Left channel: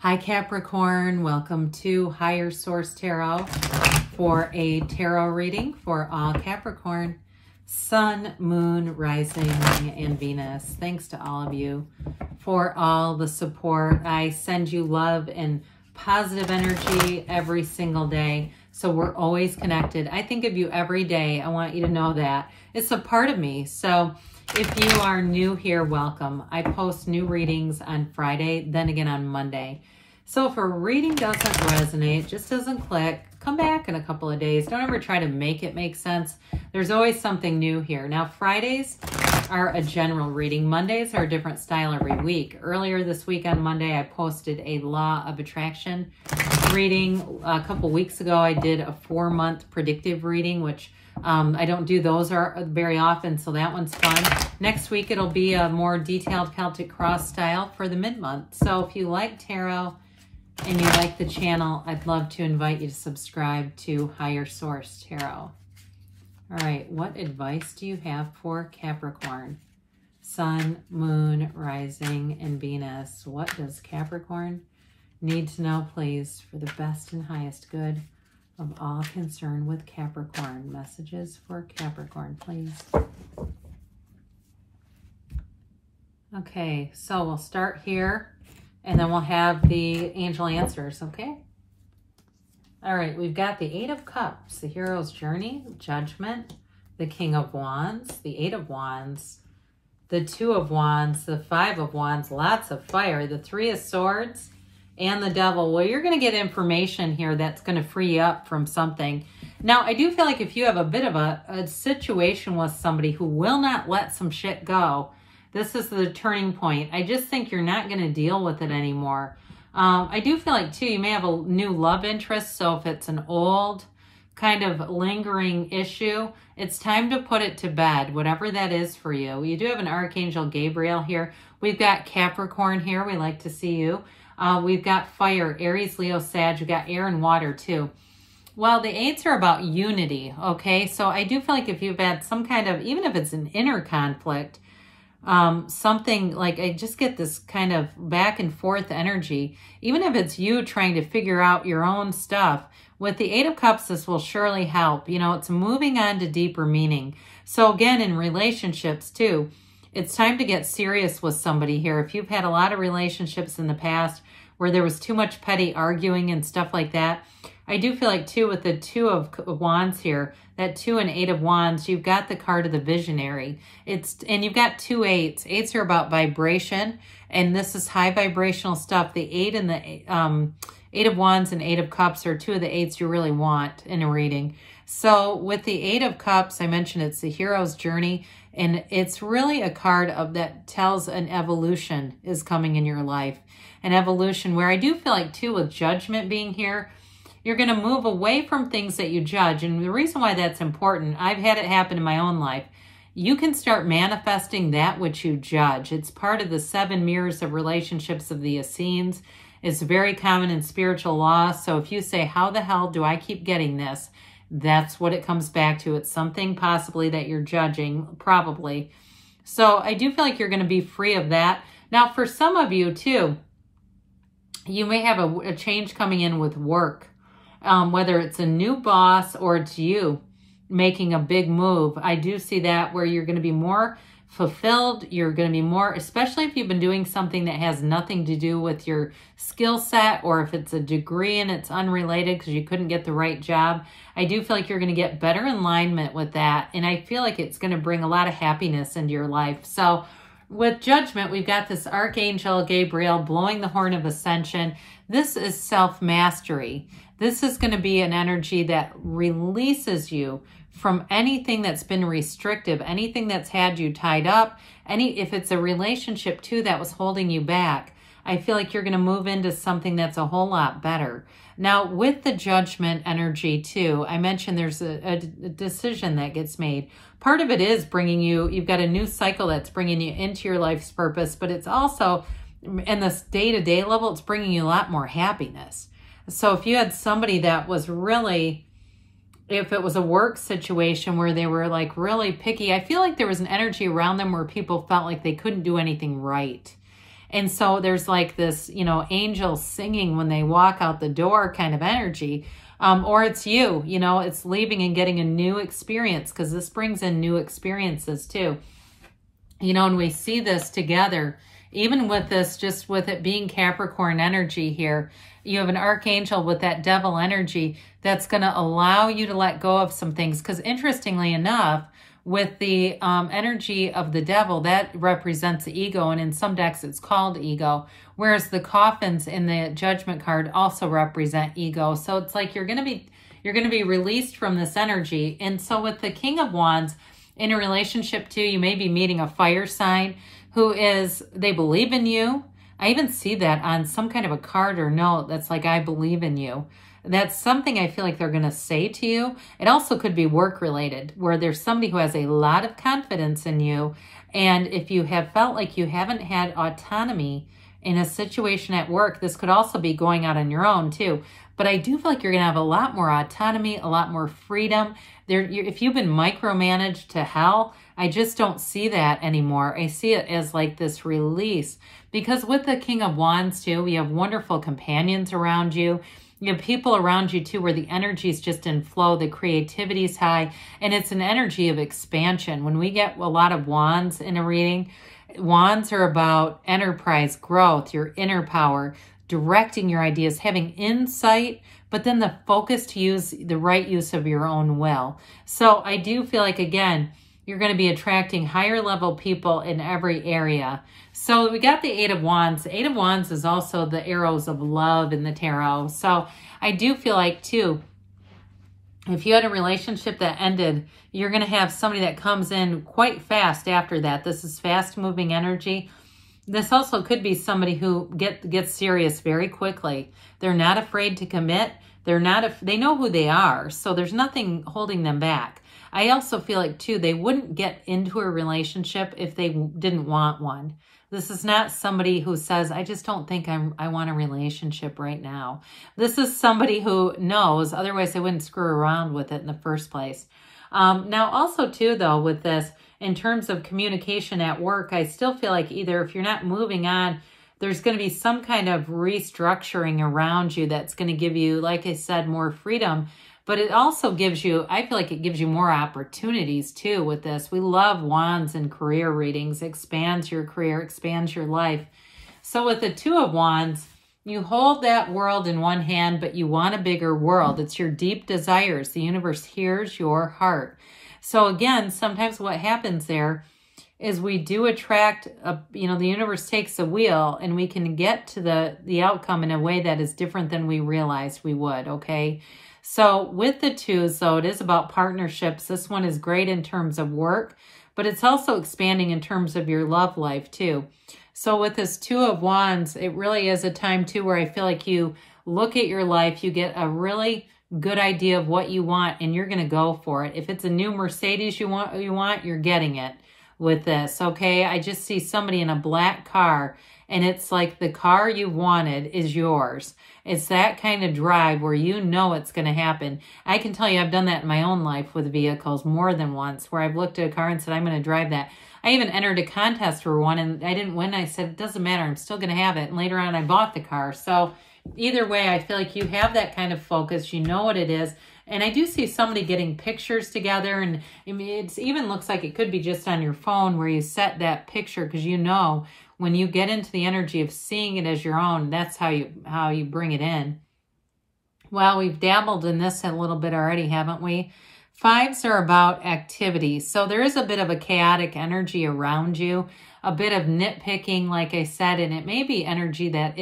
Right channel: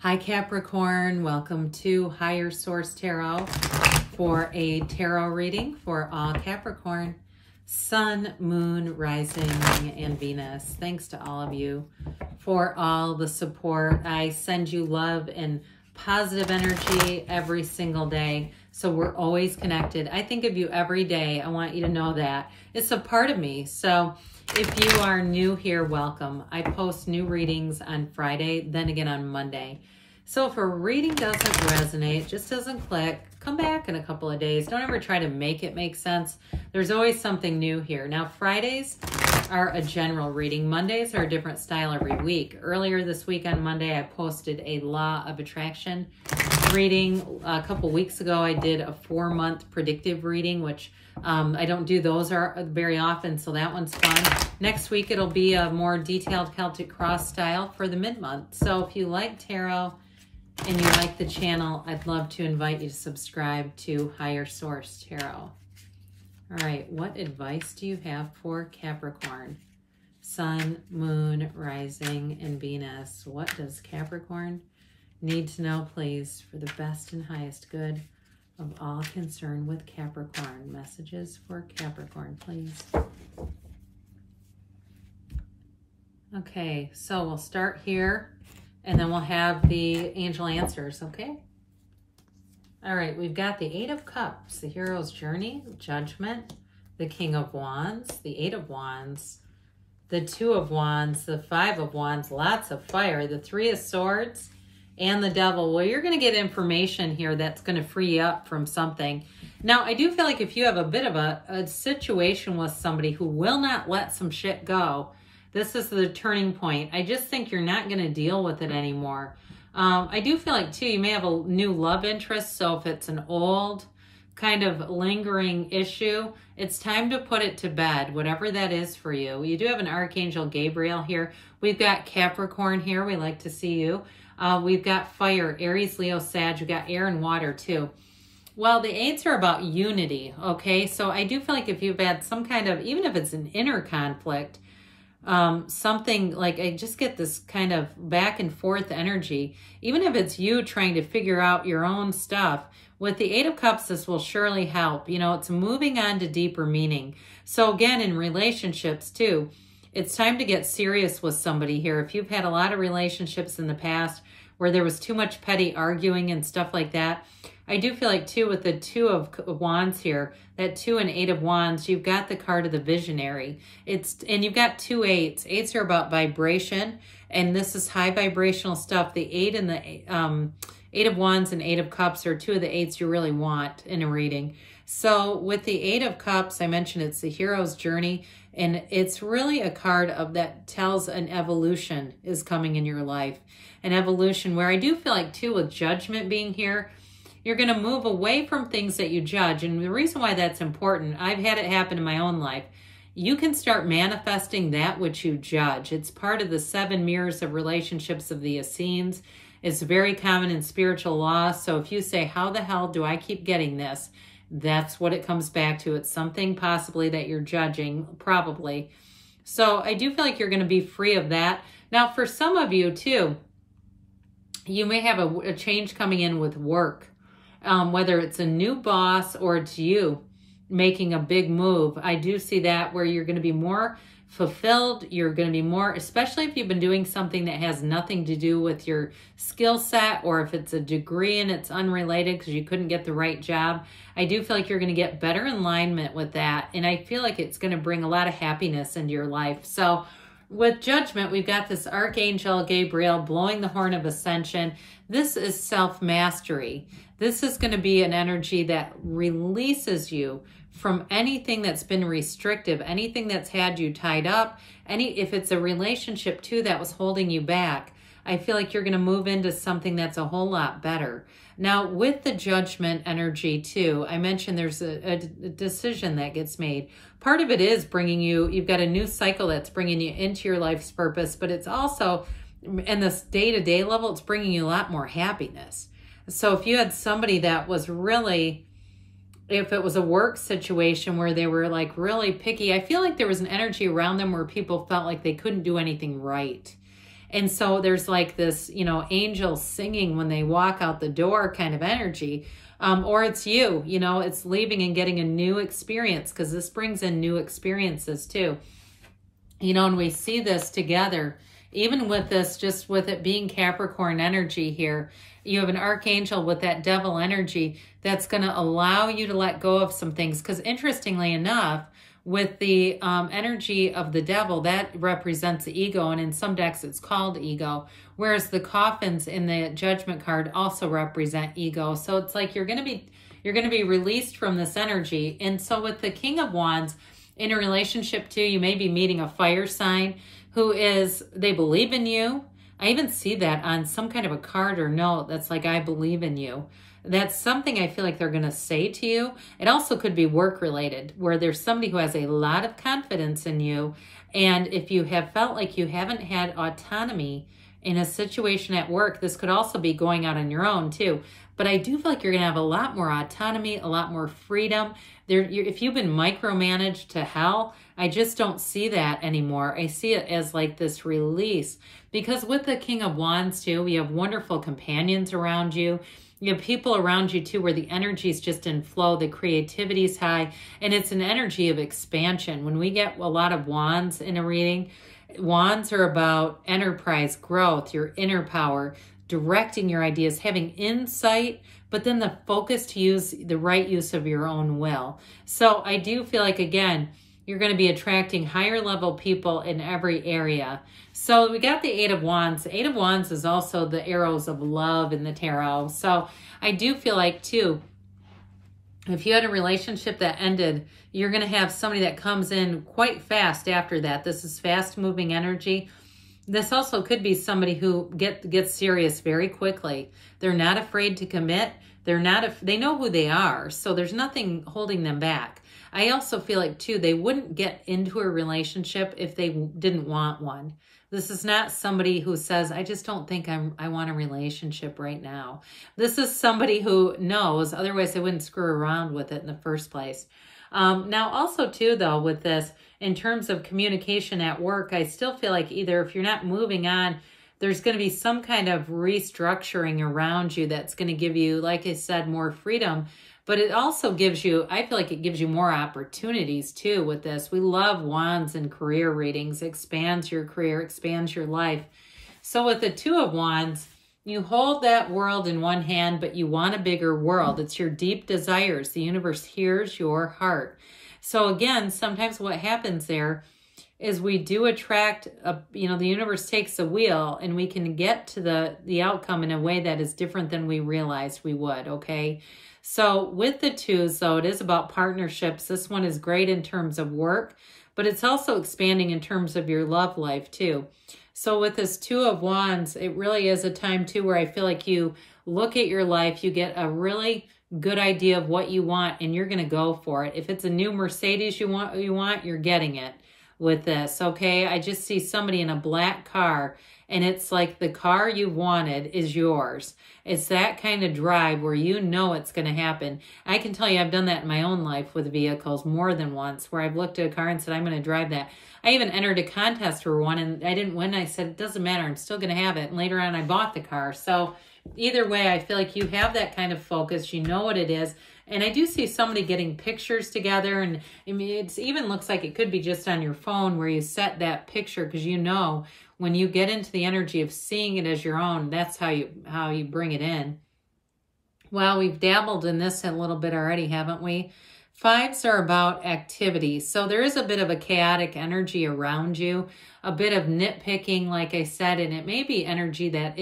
Hi Capricorn, welcome to Higher Source Tarot for a tarot reading for all Capricorn, Sun, Moon, Rising, and Venus. Thanks to all of you for all the support. I send you love and positive energy every single day, so we're always connected. I think of you every day. I want you to know that. It's a part of me, so if you are new here, welcome. I post new readings on Friday, then again on Monday. So if a reading doesn't resonate, just doesn't click, come back in a couple of days. Don't ever try to make it make sense. There's always something new here. Now, Fridays are a general reading. Mondays are a different style every week. Earlier this week on Monday, I posted a Law of Attraction reading. A couple weeks ago, I did a 4-month predictive reading, which I don't do those very often, so that one's fun. Next week, it'll be a more detailed Celtic cross style for the mid-month. So if you like tarot and you like the channel, I'd love to invite you to subscribe to Higher Source Tarot. All right, what advice do you have for Capricorn? Sun, Moon, Rising, and Venus. What does Capricorn need to know, please, for the best and highest good of all concerned with Capricorn? Messages for Capricorn, please. Okay, so we'll start here, and then we'll have the angel answers, okay? All right, we've got the Eight of Cups, the Hero's Journey, Judgment, the King of Wands, the Eight of Wands, the Two of Wands, the Five of Wands, lots of fire, the Three of Swords, and the Devil. Well, you're going to get information here that's going to free you up from something. Now, I do feel like if you have a bit of a situation with somebody who will not let some shit go, this is the turning point. I just think you're not going to deal with it anymore. I do feel like, too, you may have a new love interest. So if it's an old kind of lingering issue, it's time to put it to bed, whatever that is for you. You do have an Archangel Gabriel here. We've got Capricorn here. We like to see you. We've got fire, Aries, Leo, Sag. We've got air and water, too. Well, the eights are about unity, okay? So I do feel like if you've had some kind of, even if it's an inner conflict, something like, I just get this kind of back and forth energy, even if it's you trying to figure out your own stuff. With the Eight of Cups, this will surely help. You know, it's moving on to deeper meaning. So again, in relationships too, it's time to get serious with somebody here. If you've had a lot of relationships in the past where there was too much petty arguing and stuff like that, I do feel like too with the Two of Wands here, that Two and Eight of Wands, you've got the card of the visionary. And you've got two eights. Eights are about vibration, and this is high vibrational stuff. The Eight and the Eight of Wands and Eight of Cups are two of the eights you really want in a reading. So with the Eight of Cups, I mentioned it's the hero's journey, and it's really a card of that tells an evolution is coming in your life. An evolution where I do feel like too with Judgment being here, you're going to move away from things that you judge. And the reason why that's important, I've had it happen in my own life. You can start manifesting that which you judge. It's part of the 7 mirrors of relationships of the Essenes. It's very common in spiritual law. So if you say, how the hell do I keep getting this? That's what it comes back to. It's something possibly that you're judging, probably. So I do feel like you're going to be free of that. Now, for some of you too, you may have a change coming in with work. Whether it's a new boss or it's you making a big move. I do see that where you're going to be more fulfilled. You're going to be more, especially if you've been doing something that has nothing to do with your skill set, or if it's a degree and it's unrelated because you couldn't get the right job. I do feel like you're going to get better alignment with that. And I feel like it's going to bring a lot of happiness into your life. So with Judgment, we've got this Archangel Gabriel blowing the horn of ascension. This is self-mastery. This is going to be an energy that releases you from anything that's been restrictive, anything that's had you tied up, if it's a relationship too that was holding you back. I feel like you're going to move into something that's a whole lot better. Now, with the Judgment energy too, I mentioned there's a decision that gets made. Part of it is bringing you, you've got a new cycle that's bringing you into your life's purpose, but it's also, in this day-to-day level, it's bringing you a lot more happiness. So if you had somebody that was really, if it was a work situation where they were like really picky, I feel like there was an energy around them where people felt like they couldn't do anything right. And so there's like this, you know, angel singing when they walk out the door kind of energy. Or it's you know, it's leaving and getting a new experience, because this brings in new experiences too. You know, and we see this together, even with this, just with it being Capricorn energy here. You have an archangel with that devil energy that's going to allow you to let go of some things. Because interestingly enough, with the energy of the devil, that represents the ego. And in some decks, it's called ego. Whereas the coffins in the judgment card also represent ego. So it's like you're going to be released from this energy. And so with the King of Wands, in a relationship too, you may be meeting a fire sign who is, they believe in you. I even see that on some kind of a card or note that's like, I believe in you. That's something I feel like they're going to say to you. It also could be work related, where there's somebody who has a lot of confidence in you. And if you have felt like you haven't had autonomy in a situation at work, this could also be going out on your own too. But I do feel like you're going to have a lot more autonomy, a lot more freedom. If you've been micromanaged to hell, I just don't see that anymore. I see it as like this release. Because with the King of Wands too, we have wonderful companions around you. You have people around you too where the energy is just in flow, the creativity is high, and it's an energy of expansion. When we get a lot of wands in a reading, wands are about enterprise, growth, your inner power, directing your ideas, having insight, but then the focus to use the right use of your own will. So I do feel like, again, you're going to be attracting higher level people in every area. So we got the Eight of Wands. The Eight of Wands is also the arrows of love in the tarot. So I do feel like too, if you had a relationship that ended, you're going to have somebody that comes in quite fast after that. This is fast moving energy. This also could be somebody who gets serious very quickly. They're not afraid to commit. They know who they are. So there's nothing holding them back. I also feel like too, they wouldn't get into a relationship if they didn't want one. This is not somebody who says, I just don't think I want a relationship right now. This is somebody who knows, otherwise they wouldn't screw around with it in the first place. Now also too though, with this, in terms of communication at work, I still feel like either if you're not moving on, there's going to be some kind of restructuring around you that's going to give you, like I said, more freedom. But it also gives you, I feel like it gives you more opportunities too with this. We love wands and career readings. Expands your career, expands your life. So with the Two of Wands, you hold that world in one hand, but you want a bigger world. It's your deep desires. The universe hears your heart. So again, sometimes what happens there is we do attract, the universe takes the wheel and we can get to the outcome in a way that is different than we realized we would, okay? So with the twos, though, it is about partnerships. This one is great in terms of work, but it's also expanding in terms of your love life too. So with this Two of Wands, it really is a time too where I feel like you look at your life, you get a really good idea of what you want and you're going to go for it. If it's a new Mercedes you want, you're getting it with this, okay? I just see somebody in a black car and it's like the car you wanted is yours. It's that kind of drive where you know it's going to happen. I can tell you I've done that in my own life with vehicles more than once, where I've looked at a car and said, I'm going to drive that. I even entered a contest for one and I didn't win. I said, it doesn't matter. I'm still going to have it. And later on, I bought the car. So either way, I feel like you have that kind of focus. You know what it is. And I do see somebody getting pictures together. And I mean, it even looks like it could be just on your phone where you set that picture, because you know when you get into the energy of seeing it as your own, that's how you bring it in. Well, we've dabbled in this a little bit already, haven't we? Fives are about activity. So there is a bit of a chaotic energy around you, a bit of nitpicking, like I said, and it may be energy that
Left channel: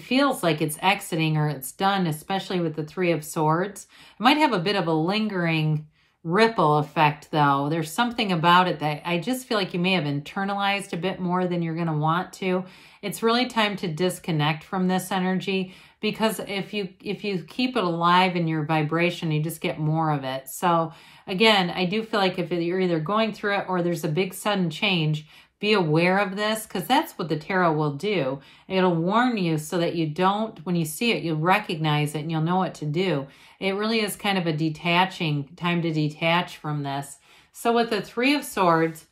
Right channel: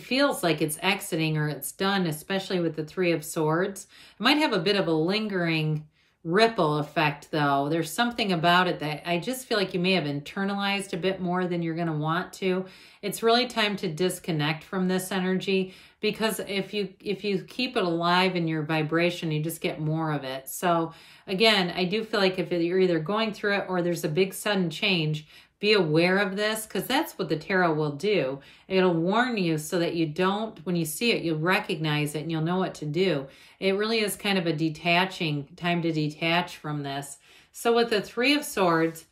feels like it's exiting or it's done, especially with the Three of Swords. It might have a bit of a lingering ripple effect, though. There's something about it that I just feel like you may have internalized a bit more than you're going to want to. It's really time to disconnect from this energy, because if you keep it alive in your vibration, you just get more of it. So again, I do feel like if you're either going through it or there's a big sudden change, be aware of this, because that's what the tarot will do. It'll warn you so that you don't, when you see it, you'll recognize it and you'll know what to do. It really is kind of a time to detach from this. So with the Three of Swords,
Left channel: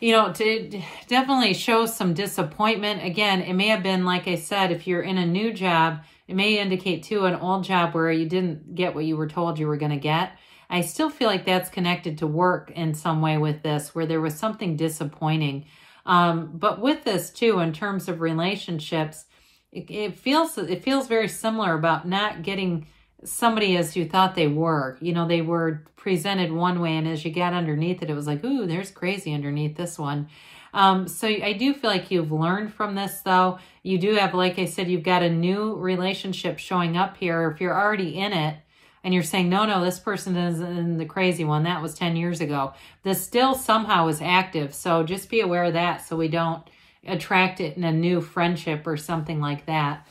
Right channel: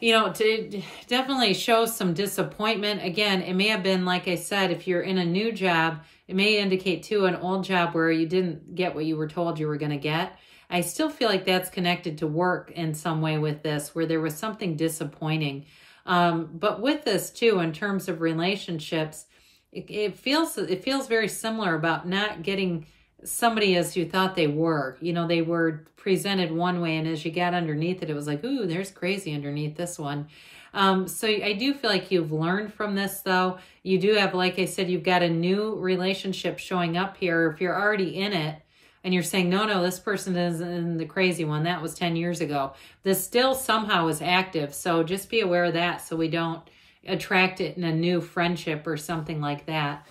you know, to definitely show some disappointment. Again, it may have been, like I said, if you're in a new job, it may indicate too an old job where you didn't get what you were told you were going to get. I still feel like that's connected to work in some way with this, where there was something disappointing. But with this too, in terms of relationships, it feels very similar about not getting somebody as you thought they were. You know, they were presented one way, and as you got underneath it, it was like, ooh, there's crazy underneath this one. So I do feel like you've learned from this, though. You do have, like I said, you've got a new relationship showing up here. If you're already in it and you're saying, no, this person is in the crazy one, that was 10 years ago, this still somehow is active. So just be aware of that so we don't attract it in a new friendship or something like that.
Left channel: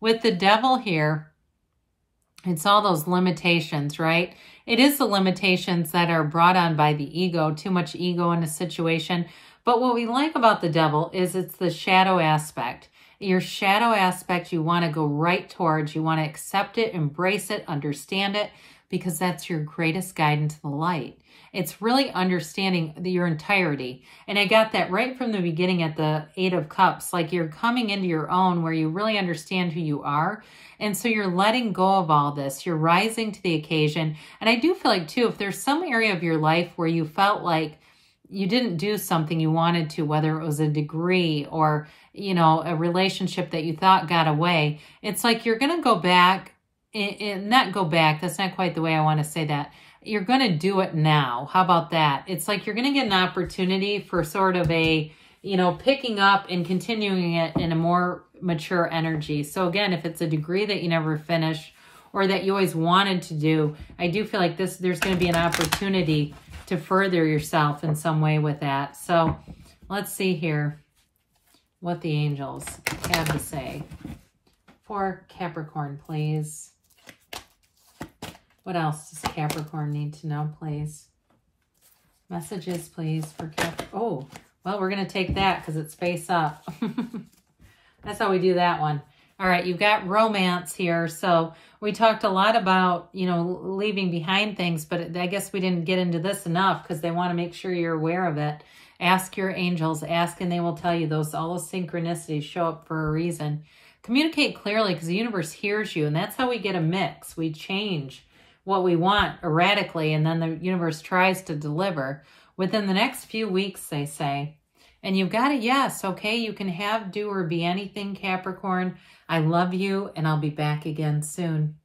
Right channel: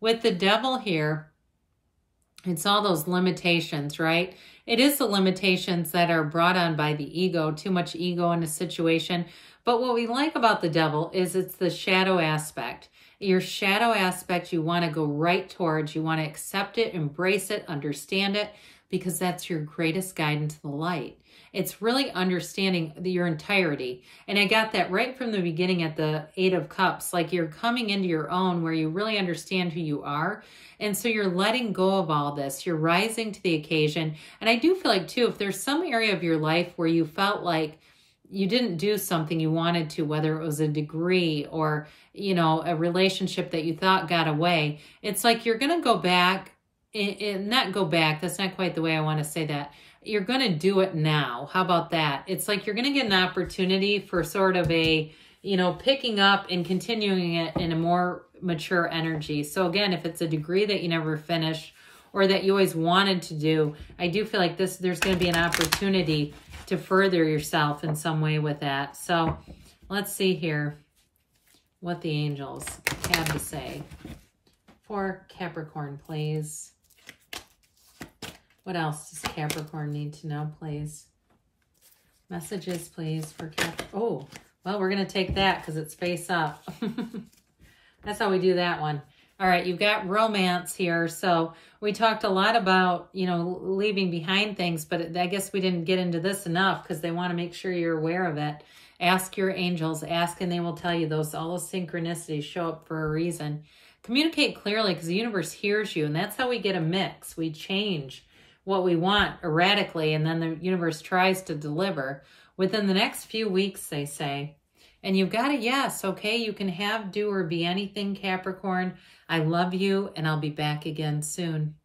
With the devil here, it's all those limitations, right? It is the limitations that are brought on by the ego, too much ego in a situation. But what we like about the devil is it's the shadow aspect. Your shadow aspect, you want to go right towards. You want to accept it, embrace it, understand it, because that's your greatest guide into the light. It's really understanding your entirety. And I got that right from the beginning at the 8 of Cups. Like you're coming into your own where you really understand who you are. And so you're letting go of all this. You're rising to the occasion. And I do feel like, too, if there's some area of your life where you felt like you didn't do something you wanted to, whether it was a degree or, you know, a relationship that you thought got away, it's like you're going to go back, not go back, that's not quite the way I want to say that. You're going to do it now. How about that? It's like you're going to get an opportunity for sort of a, you know, picking up and continuing it in a more mature energy. So again, if it's a degree that you never finished or that you always wanted to do, I do feel like there's going to be an opportunity to further yourself in some way with that. So let's see here what the angels have to say for Capricorn, please. What else does Capricorn need to know, please? Messages, please, for Capricorn. Oh, well, we're going to take that because it's face up. That's how we do that one. All right, you've got romance here. So we talked a lot about, you know, leaving behind things, but I guess we didn't get into this enough because they want to make sure you're aware of it. Ask your angels, ask, and they will tell you all those synchronicities show up for a reason. Communicate clearly because the universe hears you, and that's how we get a mix. We change what we want erratically, and then the universe tries to deliver within the next few weeks, they say. And you've got a yes, okay? You can have, do, or be anything, Capricorn. I love you, and I'll be back again soon.